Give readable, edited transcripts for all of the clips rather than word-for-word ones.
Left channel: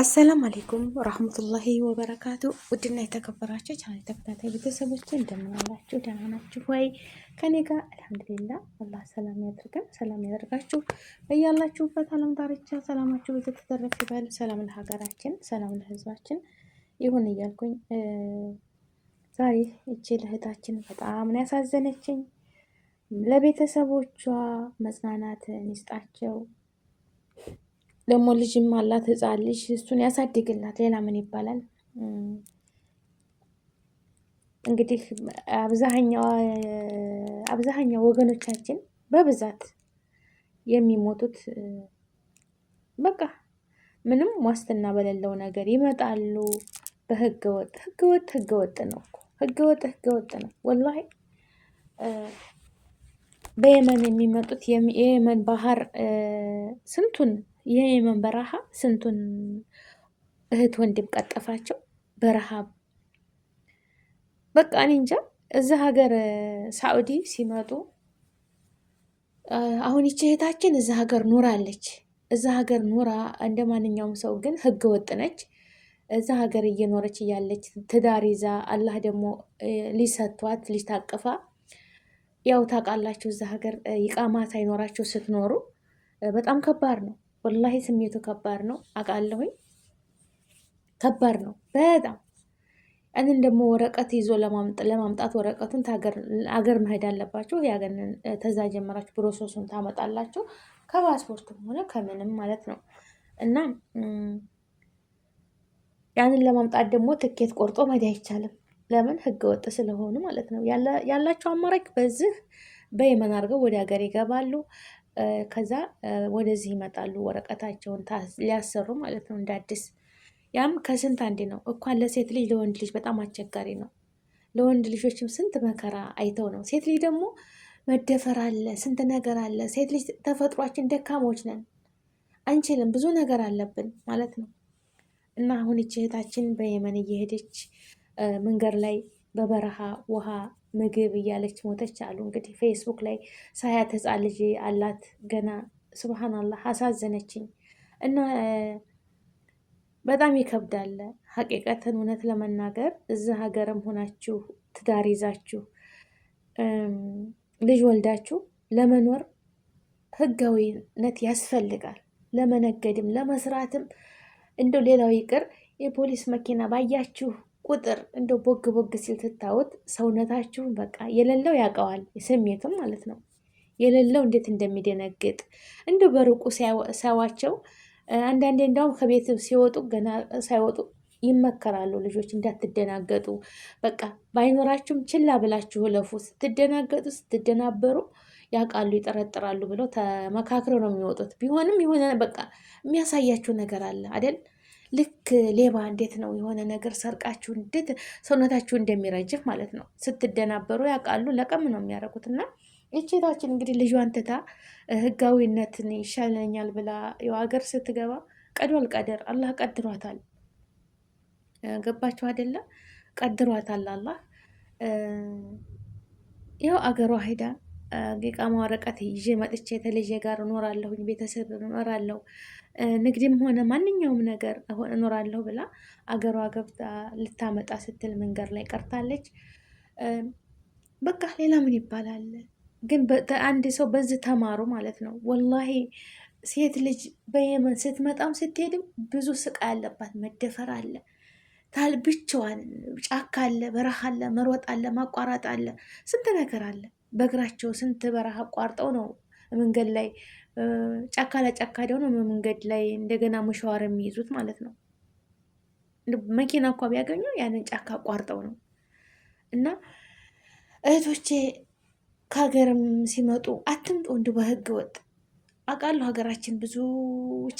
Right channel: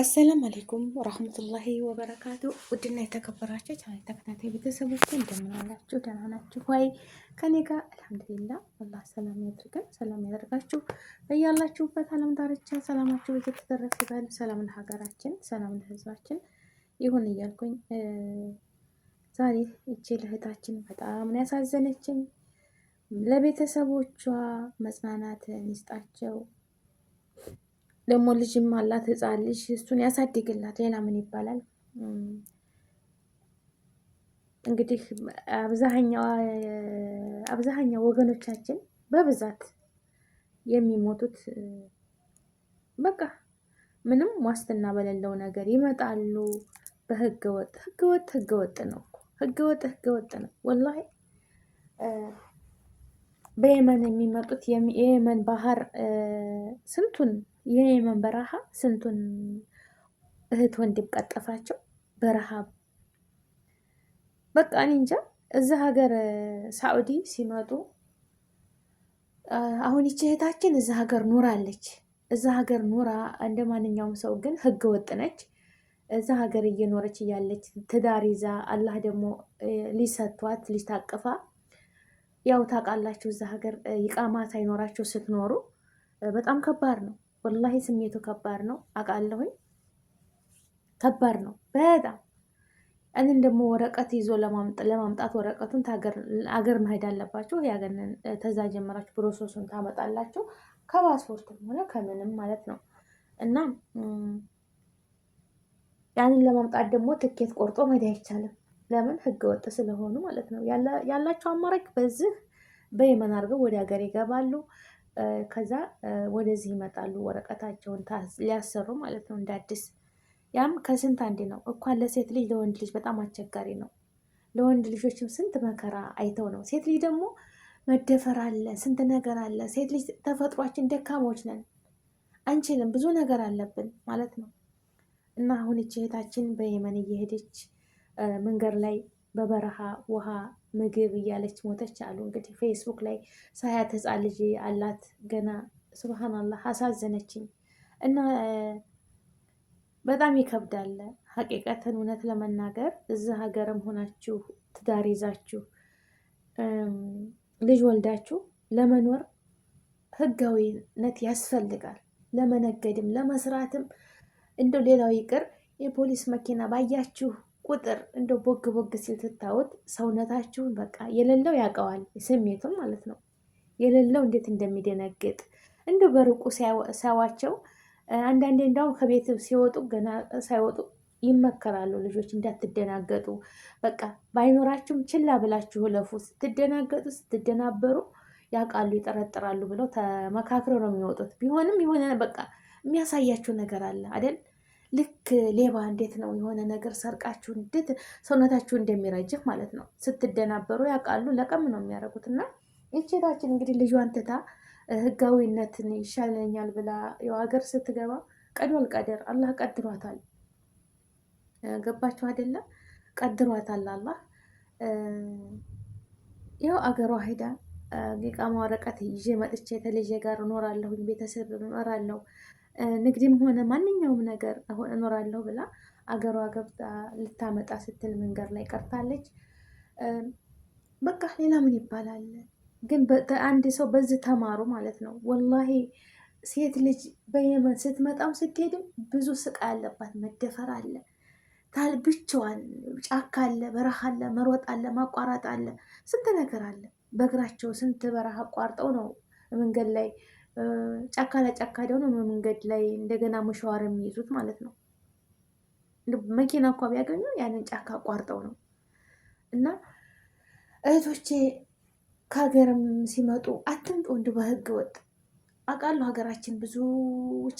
አሰላም አሌይኩም ረህመቱላሂ ወበረካቱ። ውድና የተከበራችሁ ቻናል ተከታታይ ቤተሰቦች እንደምን አላችሁ? ደህና ናችሁ ወይ? ከኔ ጋር አልሐምዱሊላህ። አላህ ሰላም ያድርገን፣ ሰላም ያደርጋችሁ። በያላችሁበት አለም ዳርቻ ሰላማችሁ እየተተረፈ ይበል። ሰላም ለሀገራችን፣ ሰላም ለህዝባችን ይሁን እያልኩኝ ዛሬ እቺ ለእህታችን በጣም ነው ያሳዘነችኝ። ለቤተሰቦቿ መጽናናትን ይስጣቸው። ደግሞ ልጅም አላት፣ ህፃን ልጅ፣ እሱን ያሳድግላት። ሌላ ምን ይባላል? እንግዲህ አብዛኛው ወገኖቻችን በብዛት የሚሞቱት በቃ ምንም ዋስትና በሌለው ነገር ይመጣሉ። በህገወጥ ህገወጥ ነው እኮ ህገወጥ ነው ወላሂ። በየመን የሚመጡት የየመን ባህር ስንቱን የየመን በረሃ ስንቱን እህት ወንድም ቀጠፋቸው በረሃብ። በቃ እኔ እንጃ። እዚህ ሀገር ሳዑዲ ሲመጡ አሁን ይቺ እህታችን እዚህ ሀገር ኑራለች። እዚህ ሀገር ኑራ እንደ ማንኛውም ሰው ግን ህገ ወጥ ነች። እዚህ ሀገር እየኖረች እያለች ትዳር ይዛ አላህ ደግሞ ሊሰቷት ልጅ ታቅፋ፣ ያው ታውቃላችሁ እዚህ ሀገር ይቃማ ሳይኖራችሁ ስትኖሩ በጣም ከባድ ነው። ወላሂ ስሜቱ ከባድ ነው አውቃለሁኝ። ከባድ ነው በጣም። ያንን ደግሞ ወረቀት ይዞ ለማምጣት ወረቀቱን አገር መሄድ አለባችሁ። ያገንን ተዛ ጀመራችሁ ፕሮሰሱን ታመጣላችሁ፣ ከፓስፖርትም ሆነ ከምንም ማለት ነው። እና ያንን ለማምጣት ደግሞ ትኬት ቆርጦ መሄድ አይቻልም። ለምን? ህገ ወጥ ስለሆኑ ማለት ነው። ያላቸው አማራጭ በዚህ በየመን አድርገው ወደ ሀገር ይገባሉ። ከዛ ወደዚህ ይመጣሉ ወረቀታቸውን ሊያሰሩ ማለት ነው እንደ አዲስ። ያም ከስንት አንድ ነው እንኳን ለሴት ልጅ ለወንድ ልጅ በጣም አስቸጋሪ ነው። ለወንድ ልጆችም ስንት መከራ አይተው ነው። ሴት ልጅ ደግሞ መደፈር አለ፣ ስንት ነገር አለ። ሴት ልጅ ተፈጥሯችን ደካሞች ነን፣ አንችልም፣ ብዙ ነገር አለብን ማለት ነው። እና አሁን ይህች እህታችን በየመን እየሄደች መንገድ ላይ በበረሃ ውሃ ምግብ እያለች ሞተች አሉ። እንግዲህ ፌስቡክ ላይ ሳያት ህፃን ልጅ አላት ገና። ሱብሃናላህ አሳዘነችኝ። እና በጣም ይከብዳል ሀቂቀትን እውነት ለመናገር እዚህ ሀገርም ሆናችሁ ትዳር ይዛችሁ ልጅ ወልዳችሁ ለመኖር ህጋዊነት ያስፈልጋል። ለመነገድም ለመስራትም እንደው ሌላው ይቅር የፖሊስ መኪና ባያችሁ ቁጥር እንደው ቦግ ቦግ ሲል ትታወት ሰውነታችሁን በቃ የሌለው ያውቀዋል፣ ስሜቱም ማለት ነው። የሌለው እንዴት እንደሚደነግጥ እንደው በርቁ ሲያዋቸው አንዳንዴ እንዳውም ከቤት ሲወጡ ገና ሳይወጡ ይመከራሉ ልጆች እንዳትደናገጡ፣ በቃ ባይኖራችሁም ችላ ብላችሁ ለፉ። ስትደናገጡ ስትደናበሩ ያውቃሉ፣ ይጠረጥራሉ ብለው ተመካክረው ነው የሚወጡት። ቢሆንም የሆነ በቃ የሚያሳያችሁ ነገር አለ አይደል? ልክ ሌባ እንዴት ነው የሆነ ነገር ሰርቃችሁ እንዴት ሰውነታችሁ እንደሚረጅፍ ማለት ነው። ስትደናበሩ ያውቃሉ፣ ለቀም ነው የሚያደርጉት። እና ይችታችን እንግዲህ ልጇን ትታ ህጋዊነትን ይሻለኛል ብላ ያው ሀገር ስትገባ ቀዷል ቀደር አላህ ቀድሯታል። ገባችሁ አይደለም? ቀድሯታል አላህ። ያው አገሯ ሄዳ የቃማ ወረቀት ይዤ መጥቼ ተልጄ ጋር እኖራለሁኝ፣ ቤተሰብ እኖራለሁ፣ ንግድም ሆነ ማንኛውም ነገር እኖራለሁ ብላ አገሯ ገብታ ልታመጣ ስትል መንገድ ላይ ቀርታለች። በቃ ሌላ ምን ይባላል? ግን አንድ ሰው በዚህ ተማሩ ማለት ነው። ወላሂ ሴት ልጅ በየመን ስትመጣም ስትሄድም ብዙ ስቃይ አለባት። መደፈር አለ፣ ብቻዋን ጫካ አለ፣ በረሃ አለ፣ መሮጥ አለ፣ ማቋረጥ አለ፣ ስንት ነገር አለ። በእግራቸው ስንት በረሃ አቋርጠው ነው መንገድ ላይ ጫካ ለጫካ ደግሞ መንገድ ላይ እንደገና መሸዋር የሚይዙት ማለት ነው። መኪና እንኳ ቢያገኙ ያንን ጫካ አቋርጠው ነው። እና እህቶቼ ከሀገርም ሲመጡ አትምጡ እንዲሁ በህገ ወጥ። አውቃለሁ ሀገራችን ብዙ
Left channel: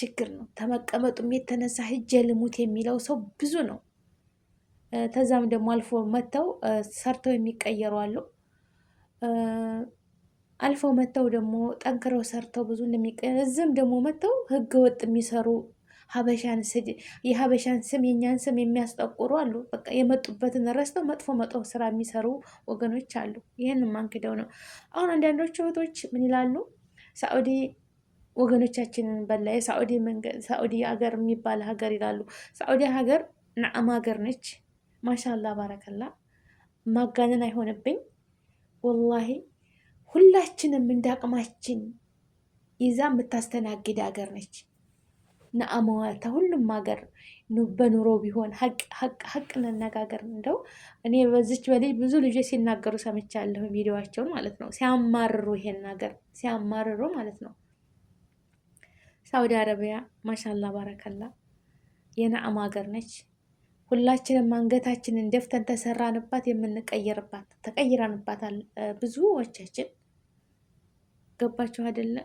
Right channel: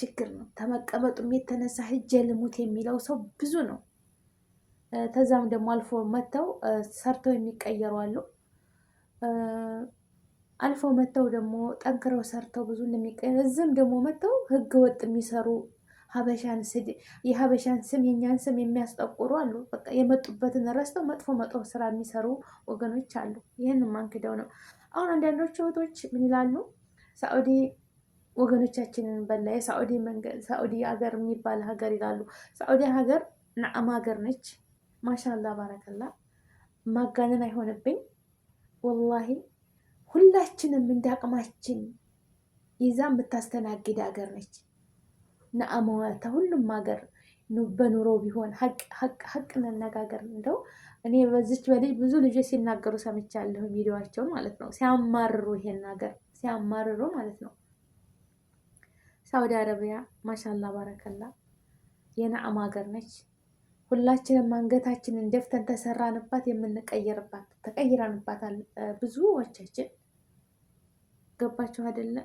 ችግር ነው። ተመቀመጡም የተነሳ ሂጄ ልሙት የሚለው ሰው ብዙ ነው። ተዛም ደግሞ አልፎ መጥተው ሰርተው የሚቀየሩ አሉ። አልፈው መጥተው ደግሞ ጠንክረው ሰርተው ብዙ እዚህም ደግሞ መጥተው ህገ ወጥ የሚሰሩ የሀበሻን ስም የኛን ስም የሚያስጠቁሩ አሉ። በቃ የመጡበትን ረስተው መጥፎ ስራ የሚሰሩ ወገኖች አሉ። ይህን ማንክደው ነው። አሁን አንዳንዶቹ እህቶች ምን ይላሉ? ሳዑዲ ወገኖቻችንን በላ። የሳዑዲ መንገድ ሳዑዲ ሀገር የሚባል ሀገር ይላሉ። ሳዑዲ ሀገር ነዓም ሀገር ነች። ማሻላ ባረከላ። ማጋነን አይሆንብኝ ወላሂ። ሁላችንም እንዳቅማችን ይዛ የምታስተናግድ ሀገር ነች። ነአማዋታ ሁሉም ሀገር በኑሮ ቢሆን ሀቅ እንነጋገር። እንደው እኔ በዚች በልጅ ብዙ ልጆች ሲናገሩ ሰምቻለሁ፣ ቪዲዮዋቸውን ማለት ነው። ሲያማርሩ ይሄን ሀገር ሲያማርሩ ማለት ነው። ሳውዲ አረቢያ ማሻላ ባረከላ የነአም ሀገር ነች። ሁላችንም አንገታችንን ደፍተን ተሰራንባት የምንቀይርባት ተቀይራንባታል ብዙዎቻችን። ገባችሁ አይደለ?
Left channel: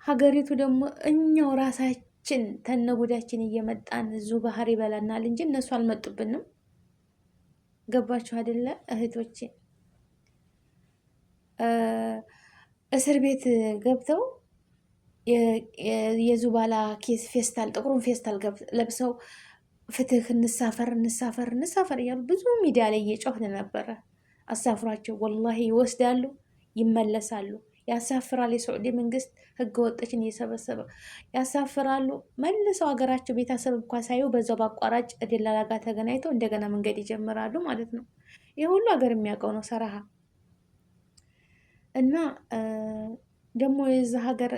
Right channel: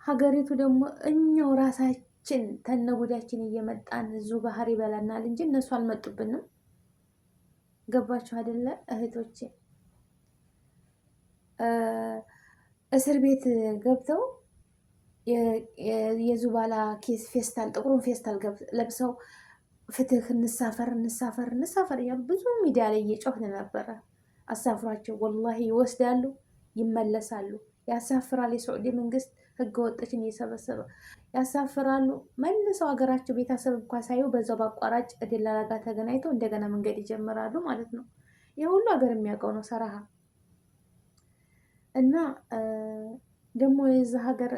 ሀገሪቱ ደግሞ እኛው ራሳችን ተነጉዳችን እየመጣን እዙ ባህር ይበላናል እንጂ እነሱ አልመጡብንም። ገባችሁ አይደለ እህቶቼ? እስር ቤት ገብተው የዙባላ ኬስ ፌስታል ጥቁሩን ፌስታል ለብሰው ፍትህ እንሳፈር እንሳፈር እንሳፈር እያሉ ብዙ ሚዲያ ላይ እየጮህን ነበረ። አሳፍሯቸው ወላሂ ይወስዳሉ፣ ይመለሳሉ። ያሳፍራል። የሳዑዲ መንግስት ህገ ወጦችን እየሰበሰበ ያሳፍራሉ። መልሰው ሀገራቸው ቤተሰብ እንኳ ሳዩ በዛው በአቋራጭ ደላላ ጋር ተገናኝተው እንደገና መንገድ ይጀምራሉ ማለት ነው። ይህ ሁሉ ሀገር የሚያውቀው ነው ሰራሃ። እና ደግሞ የዛ ሀገር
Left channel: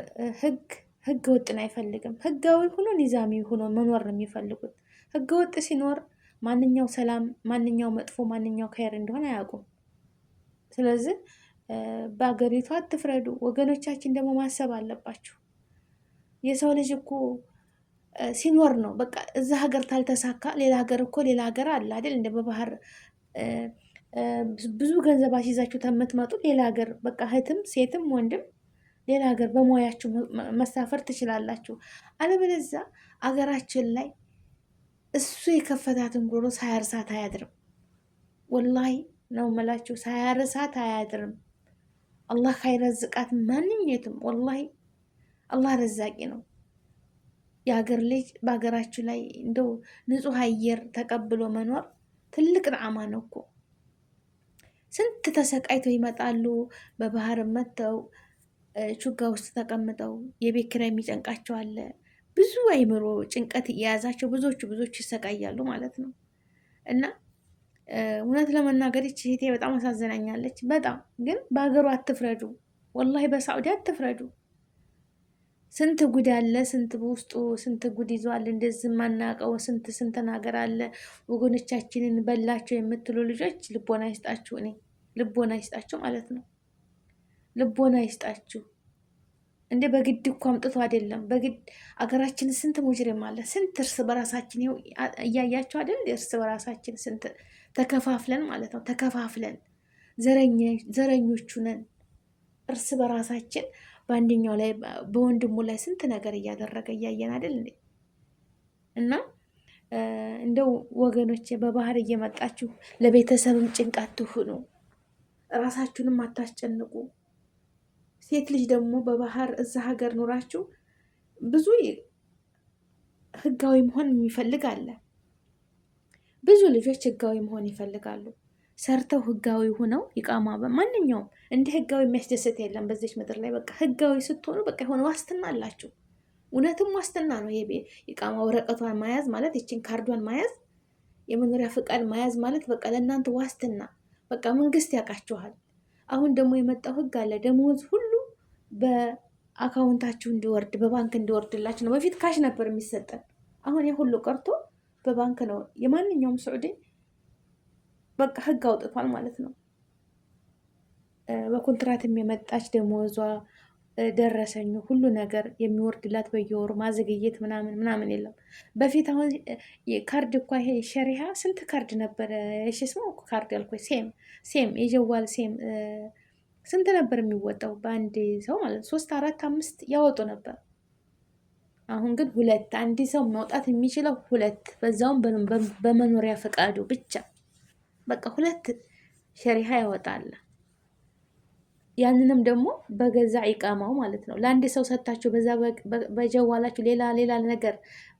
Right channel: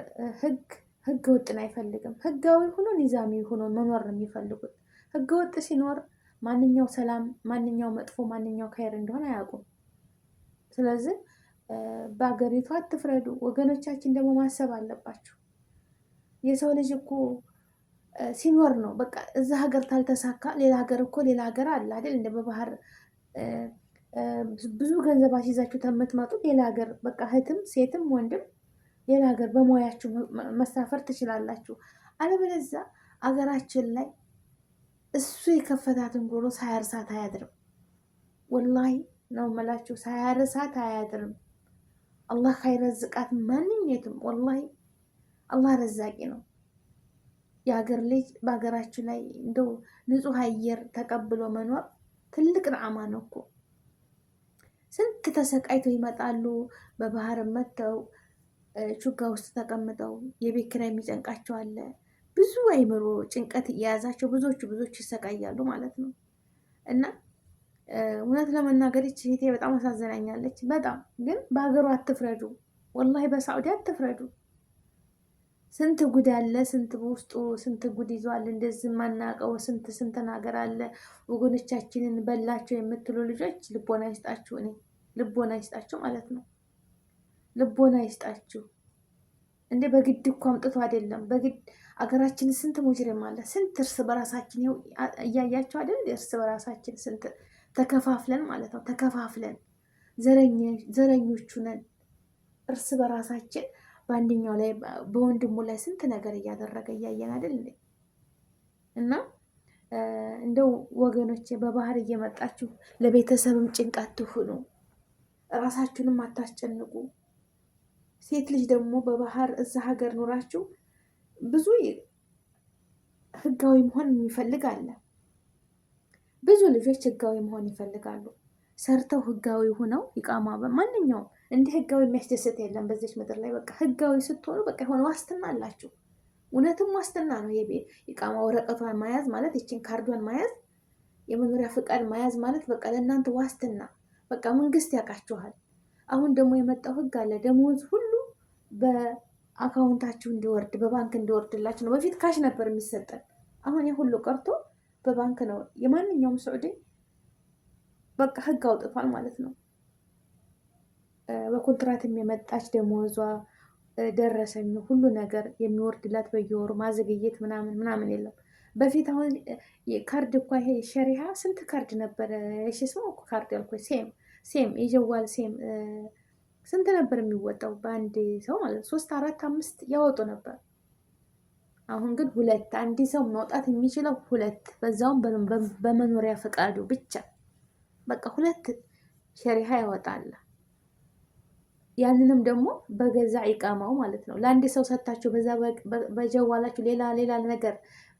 ህገ ወጥን አይፈልግም። ህጋዊ ሆኖ ኒዛሚ ሆኖ መኖር ነው የሚፈልጉት። ህገ ወጥ ሲኖር ማንኛው ሰላም፣ ማንኛው መጥፎ፣ ማንኛው ከይር እንደሆነ አያውቁም። ስለዚህ በሀገሪቷ አትፍረዱ ወገኖቻችን። ደግሞ ማሰብ አለባችሁ። የሰው ልጅ እኮ ሲኖር ነው በቃ። እዛ ሀገር ታልተሳካ ሌላ ሀገር እኮ ሌላ ሀገር አለ አይደል? እንደ በባህር ብዙ ገንዘብ አስይዛችሁ ተምትመጡ ሌላ ሀገር በቃ እህትም ሴትም ወንድም ሌላ ሀገር በሙያችሁ መሳፈር ትችላላችሁ። አለበለዚያ አገራችን ላይ እሱ የከፈታትን ጉሮ ሳያርሳት አያድርም። ወላሂ ነው መላችሁ፣ ሳያርሳት አያድርም። አላህ ካይረዝቃት ማንኛቱም ወላሂ አላህ ረዛቂ ነው። የሀገር ልጅ በሀገራችሁ ላይ እንደው ንጹህ አየር ተቀብሎ መኖር ትልቅ ነዓማ ነው እኮ። ስንት ተሰቃይተው ይመጣሉ። በባህር መጥተው ቹጋ ውስጥ ተቀምጠው የቤት ኪራይ የሚጨንቃቸው አለ። ብዙ አይምሮ ጭንቀት እየያዛቸው ብዙዎቹ ይሰቃያሉ ማለት ነው። እና እውነት ለመናገር ይህች እህቴ በጣም አሳዝናኛለች። በጣም ግን በሀገሩ አትፍረዱ፣ ወላሂ በሳዑዲ አትፍረዱ። ስንት ጉድ አለ፣ ስንት በውስጡ ስንት ጉድ ይዟል። እንደዚህ የማናውቀው ስንት ነገር አለ። ወገኖቻችንን በላቸው የምትሉ ልጆች ልቦና ይስጣችሁ። እኔ ልቦና ይስጣችሁ ማለት ነው። ልቦና ይስጣችሁ። እንደ በግድ እኮ አምጥቶ አይደለም በግድ አገራችን ስንት ሙጅሪም አለ። ስንት እርስ በራሳችን ይኸው እያያቸው አይደል? እርስ በራሳችን ስንት ተከፋፍለን ማለት ነው። ተከፋፍለን ዘረኞቹ ነን። እርስ በራሳችን በአንደኛው ላይ በወንድሙ ላይ ስንት ነገር እያደረገ እያየን አይደል እንዴ? እና እንደው ወገኖቼ በባህር እየመጣችሁ ለቤተሰብም ጭንቃት ትሁኑ፣ ራሳችሁንም አታስጨንቁ። ሴት ልጅ ደግሞ በባህር እዛ ሀገር ኑራችሁ ብዙ ህጋዊ መሆን የሚፈልግ አለ። ብዙ ልጆች ህጋዊ መሆን ይፈልጋሉ። ሰርተው ህጋዊ ሆነው ይቃማ ማንኛውም እንደ ህጋዊ የሚያስደስት የለም በዚች ምድር ላይ። በቃ ህጋዊ ስትሆኑ በቃ የሆነ ዋስትና አላችሁ። እውነትም ዋስትና ነው። ይቃማ ወረቀቷን መያዝ ማለት ይችን ካርዷን መያዝ የመኖሪያ ፍቃድ መያዝ ማለት በቃ ለእናንተ ዋስትና። በቃ መንግስት ያውቃችኋል። አሁን ደግሞ የመጣው ህግ አለ። ደሞዝ ሁሉ በአካውንታችሁ እንዲወርድ በባንክ እንዲወርድላችሁ ነው። በፊት ካሽ ነበር የሚሰጠን። አሁን የሁሉ ቀርቶ በባንክ ነው። የማንኛውም ስዑዲ በቃ ህግ አውጥቷል ማለት ነው። በኮንትራት የመጣች ደሞዟ ደረሰኝ ሁሉ ነገር የሚወርድላት በየወሩ ማዘግየት ምናምን የለም። በፊት አሁን ካርድ እኳ ይሄ ሸሪሃ ስንት ካርድ ነበረ? እሺ ስሙ ካርድ ያልኩ ሴም የጀዋል ሴም ስንት ነበር የሚወጣው በአንድ ሰው ማለት 3፣ 4፣ 5 ያወጡ ነበር። አሁን ግን 2 አንድ ሰው መውጣት የሚችለው 2 በዛውም በመኖሪያ ፈቃዱ ብቻ በቃ 2 ሸሪሃ ያወጣል። ያንንም ደግሞ በገዛ ኢቃማው ማለት ነው። ለአንድ ሰው ሰጣችሁ በዛ በጀዋላችሁ ሌላ ነገር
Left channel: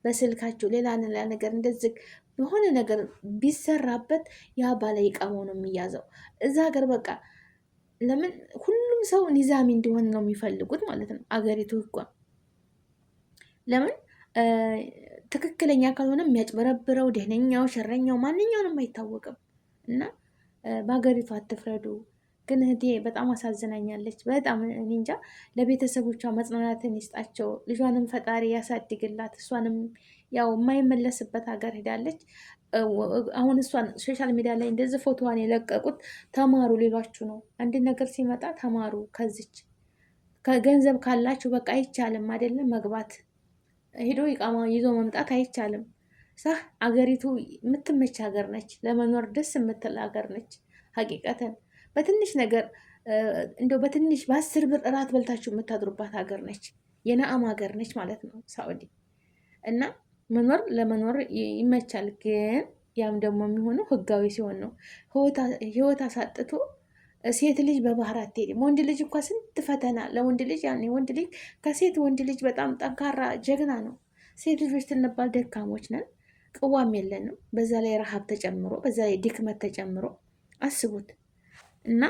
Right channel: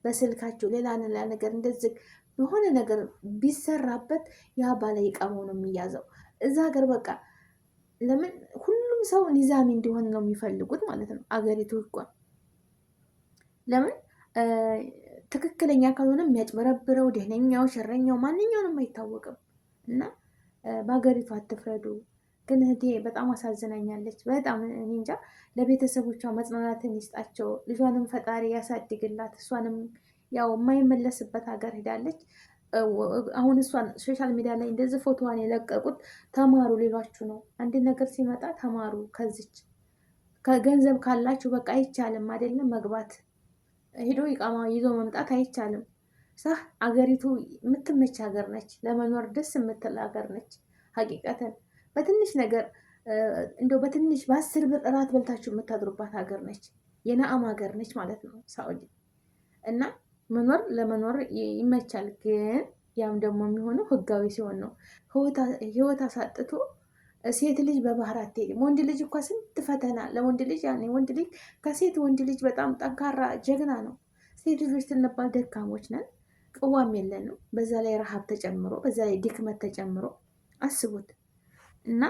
በስልካችሁ ሌላ ነገር እንደዚህ በሆነ ነገር ቢሰራበት ያ ባለ ኢቃማው ነው የሚያዘው እዛ ሀገር። በቃ ለምን ሁሉም ሰው ኒዛሚ እንዲሆን ነው የሚፈልጉት ማለት ነው አገሪቱ ህጓ። ለምን ትክክለኛ ካልሆነ የሚያጭበረብረው ደህነኛው፣ ሸረኛው ማንኛውንም አይታወቅም። እና በሀገሪቱ አትፍረዱ። ግን እህቴ በጣም አሳዝናኛለች። በጣም እኔ እንጃ። ለቤተሰቦቿ መጽናናትን ይስጣቸው። ልጇንም ፈጣሪ ያሳድግላት። እሷንም ያው የማይመለስበት ሀገር ሄዳለች። አሁን እሷን ሶሻል ሚዲያ ላይ እንደዚህ ፎቶዋን የለቀቁት ተማሩ ሌሏችሁ ነው። አንድ ነገር ሲመጣ ተማሩ። ከዚች ከገንዘብ ካላችሁ በቃ አይቻልም አይደለም መግባት ሄዶ ይቃማ ይዞ መምጣት አይቻልም። ሳህ አገሪቱ የምትመች ሀገር ነች፣ ለመኖር ደስ የምትል ሀገር ነች። ሀቂቀተን በትንሽ ነገር እንደው በትንሽ በ10 ብር እራት በልታችሁ የምታድሩባት ሀገር ነች። የነአም ሀገር ነች ማለት ነው ሳኡዲ። እና መኖር ለመኖር ይመቻል። ግን ያም ደግሞ የሚሆነው ህጋዊ ሲሆን ነው። ህይወት አሳጥቶ ሴት ልጅ በባህር አትሄድም። ወንድ ልጅ እኳ ስንት ፈተና ለወንድ ልጅ ያኔ ወንድ ልጅ ከሴት ወንድ ልጅ በጣም ጠንካራ ጀግና ነው። ሴት ልጆች ስንባል ደካሞች ነን፣ ቅዋም የለንም። በዛ ላይ ረሃብ ተጨምሮ፣ በዛ ላይ ድክመት ተጨምሮ አስቡት። እና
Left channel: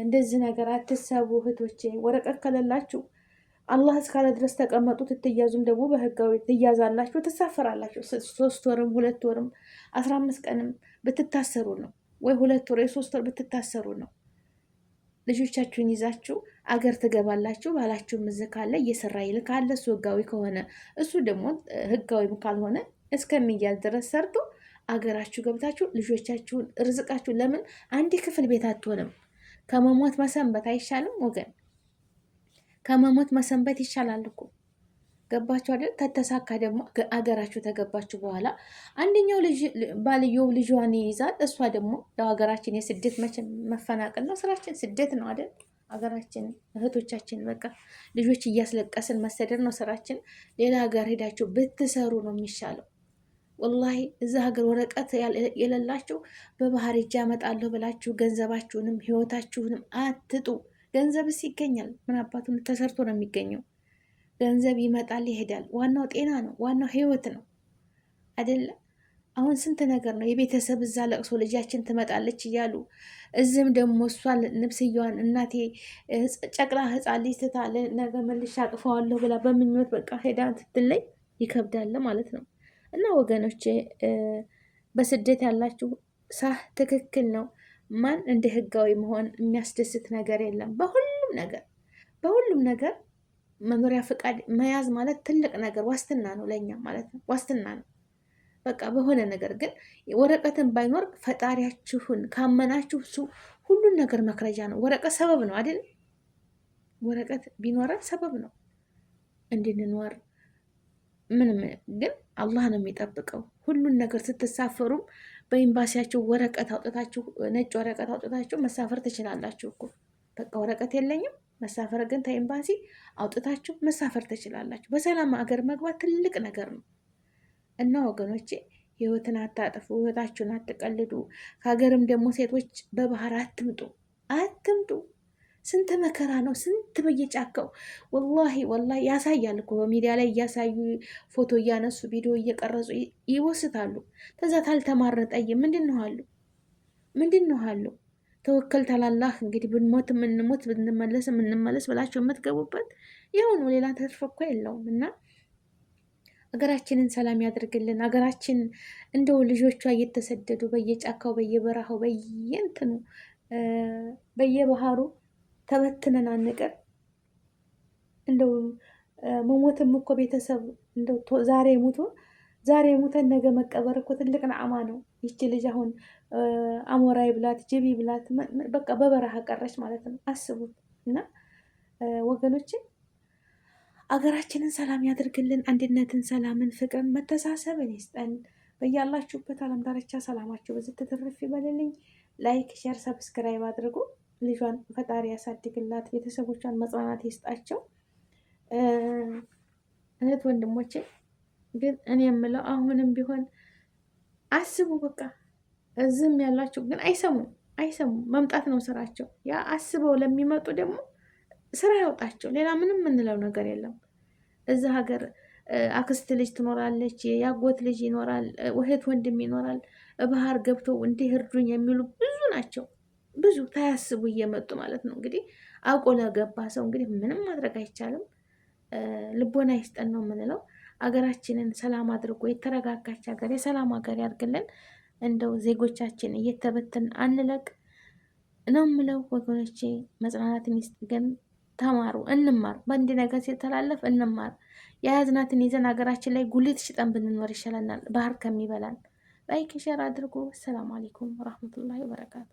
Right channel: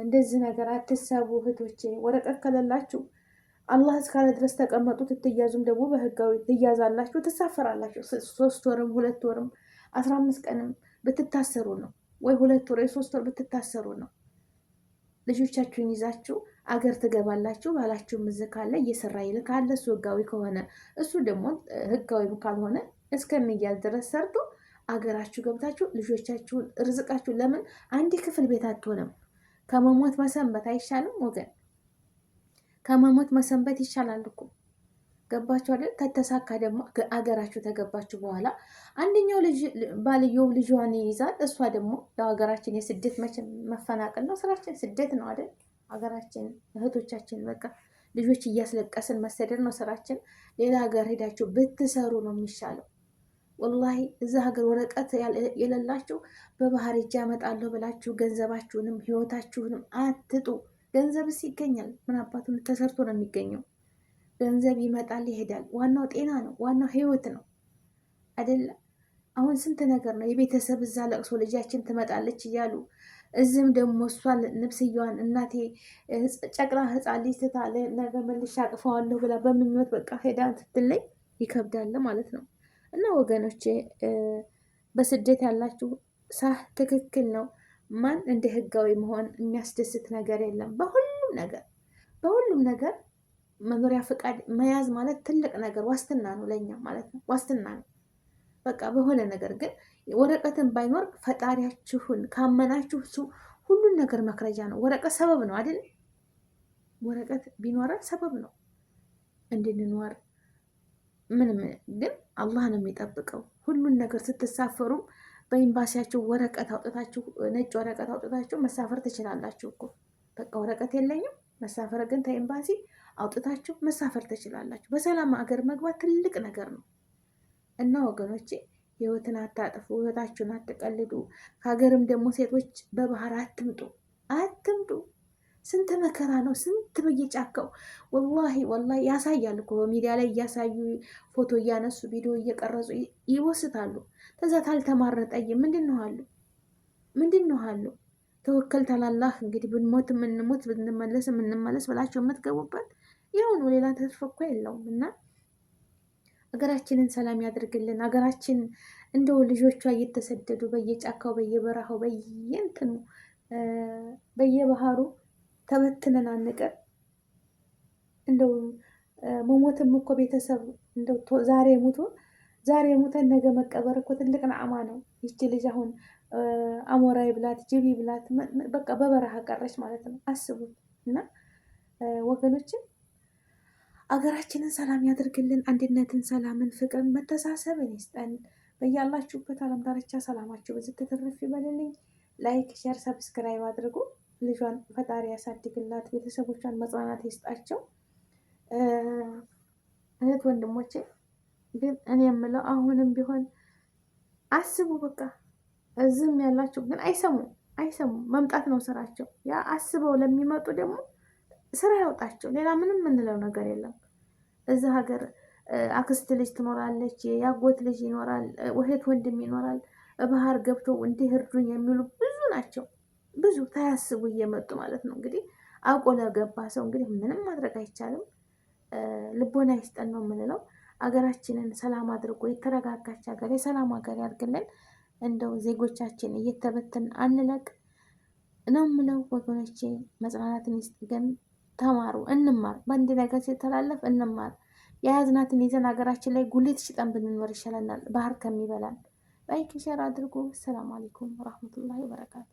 እንደዚህ ነገር አትሰቡ እህቶቼ። ወረቀት ከሌላችሁ አላህ እስካለ ድረስ ተቀመጡ። ትትያዙም ደግሞ በህጋዊ ትያዛላችሁ፣ ትሳፈራላችሁ። 3 ወርም 2 ወርም 15 ቀንም ብትታሰሩ ነው፣ ወይ 2 ወር 3 ወር ብትታሰሩ ነው። ልጆቻችሁን ይዛችሁ አገር ትገባላችሁ። ባላችሁም እዚህ ካለ እየሰራ ይልካል። እሱ ህጋዊ ከሆነ እሱ ደግሞ ህጋዊም ካልሆነ እስከሚያዝ ድረስ ሰርቶ አገራችሁ ገብታችሁ ልጆቻችሁን ርዝቃችሁ። ለምን አንድ ክፍል ቤት አትሆንም? ከመሞት መሰንበት አይሻልም ወገን? ከመሞት መሰንበት ይሻላል እኮ። ገባችሁ አይደል? ተተሳካ ደግሞ አገራችሁ ተገባችሁ በኋላ አንደኛው ባልየው ልጇን ይይዛል። እሷ ደግሞ ያው ሀገራችን የስደት መፈናቀል ነው ስራችን፣ ስደት ነው አይደል? ሀገራችን እህቶቻችን በቃ ልጆች እያስለቀስን መሰደድ ነው ስራችን። ሌላ ሀገር ሄዳችሁ ብትሰሩ ነው የሚሻለው። ወላሂ እዛ ሀገር ወረቀት የሌላችሁ በባህር እጅ ያመጣለሁ ብላችሁ ገንዘባችሁንም ህይወታችሁንም አትጡ። ገንዘብስ ይገኛል። ምን አባቱን ተሰርቶ ነው የሚገኘው? ገንዘብ ይመጣል ይሄዳል። ዋናው ጤና ነው፣ ዋናው ህይወት ነው አይደለም? አሁን ስንት ነገር ነው የቤተሰብ እዛ ለቅሶ ልጃችን ትመጣለች እያሉ እዚህም ደግሞ እሷን ንብስያዋን እናቴ ጨቅላ ህፃን ልጅ ትታለ ነገ መልሻ አቅፈዋለሁ ብላ በምኞት በቃ ሄዳ ትትለኝ ይከብዳል ማለት ነው። እና ወገኖቼ በስደት ያላችሁ ሳህ ትክክል ነው። ማን እንደ ህጋዊ መሆን የሚያስደስት ነገር የለም። በሁሉም ነገር መኖሪያ ፈቃድ መያዝ ማለት ትልቅ ነገር ዋስትና ነው ለእኛ ማለት ነው። ዋስትና ነው በቃ በሆነ ነገር። ግን ወረቀትን ባይኖር ፈጣሪያችሁን ካመናችሁ እሱ ሁሉን ነገር መክረጃ ነው። ወረቀት ሰበብ ነው አይደል? ወረቀት ቢኖረን ሰበብ ነው እንድንኖር ምንም። ግን አላህ ነው የሚጠብቀው ሁሉን ነገር። ስትሳፈሩም በኤምባሲያችሁ ወረቀት አውጥታችሁ ነጭ ወረቀት አውጥታችሁ መሳፈር ትችላላችሁ እኮ። በቃ ወረቀት የለኝም መሳፈር ግን ከኤምባሲ አውጥታችሁ መሳፈር ትችላላችሁ። በሰላም ሀገር መግባት ትልቅ ነገር ነው። እና ወገኖቼ ህይወትን አታጥፉ፣ ህይወታችሁን አትቀልዱ። ከሀገርም ደግሞ ሴቶች በባህር አትምጡ። ስንት መከራ ነው፣ ስንት በየጫካው ወላሂ ያሳያል እኮ በሚዲያ ላይ እያሳዩ ፎቶ እያነሱ ቪዲዮ እየቀረጹ ይወስታሉ። ከዛ ታልተማረጠይ ምንድን ነው አሉ ተወከል ታላላህ። እንግዲህ ብንሞት የምንሞት ብንመለስ የምንመለስ ብላቸው የምትገቡበት የሆኑ ሌላ ተስፋ እኮ የለውም። እና ሀገራችንን ሰላም ያድርግልን። ሀገራችን እንደው ልጆቿ እየተሰደዱ በየጫካው በየበረሃው በየእንትኑ በየባህሩ ተበትነን አንቀር። እንደው መሞትም እኮ ቤተሰብ እንደው ዛሬ ሞተን ነገ መቀበር እኮ ትልቅ ነዓማ ነው። ይቺ ልጅ አሁን አሞራይ ብላት ጅቢ ብላት በቃ በበረሃ ቀረች ማለት ነው። አስቡት። እና ወገኖችን አገራችንን ሰላም ያደርግልን። አንድነትን፣ ሰላምን፣ ፍቅርን፣ መተሳሰብን ይስጠን። በያላችሁበት ዓለም ዳርቻ ሰላማችሁ ብዙ ትትርፍ ይበልልኝ። ላይክ፣ ሼር፣ ሰብስክራይብ አድርጉ። ልጇን ፈጣሪ ያሳድግላት፣ ቤተሰቦቿን መጽናናት ይስጣቸው። እህት ወንድሞቼ ግን እኔ የምለው አሁንም ቢሆን አስቡ። በቃ እዚህም ያላችሁ ግን አይሰሙም። መምጣት ነው ስራቸው። ያ አስበው ለሚመጡ ደግሞ ስራ ያውጣቸው። ሌላ ምንም የምንለው ነገር የለም። እዚህ ሀገር አክስት ልጅ ትኖራለች፣ የአጎት ልጅ ይኖራል፣ እህት ወንድም ይኖራል። ባህር ገብተው እንዲህ እርዱኝ የሚሉ ብዙ ናቸው። ብዙ ታያስቡ እየመጡ ማለት ነው። እንግዲህ አውቆ ለገባ ሰው እንግዲህ ምንም ማድረግ አይቻልም። ልቦና ይስጠን ነው የምንለው። አገራችንን ሰላም አድርጎ የተረጋጋች ሀገር የሰላም ሀገር ያርግልን። እንደው ዜጎቻችን እየተበትን አንለቅ ነው የምለው ወገኖቼ። መጽናናትን ይስጥ። ግን ተማሩ፣ እንማር። በአንድ ነገር ሲተላለፍ እንማር። የያዝናትን ይዘን ሀገራችን ላይ ጉሊት ሽጠን ብንኖር ይሻለናል ባህር ከሚበላል። ላይክ ሼር አድርጉ። ሰላም አለይኩም ወራህመቱላሂ ወበረካቱ።